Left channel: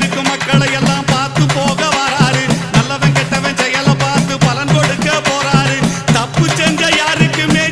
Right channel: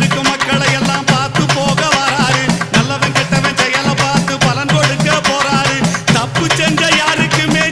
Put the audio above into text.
இருக்கும் மக்களை எல்லாம் பார்த்து போக வராரு. நல்லவன் கெட்டவன் செயலை பார்த்து பலன் கொடுக்க போறாரு. தப்பு செஞ்ச யாருக்குமே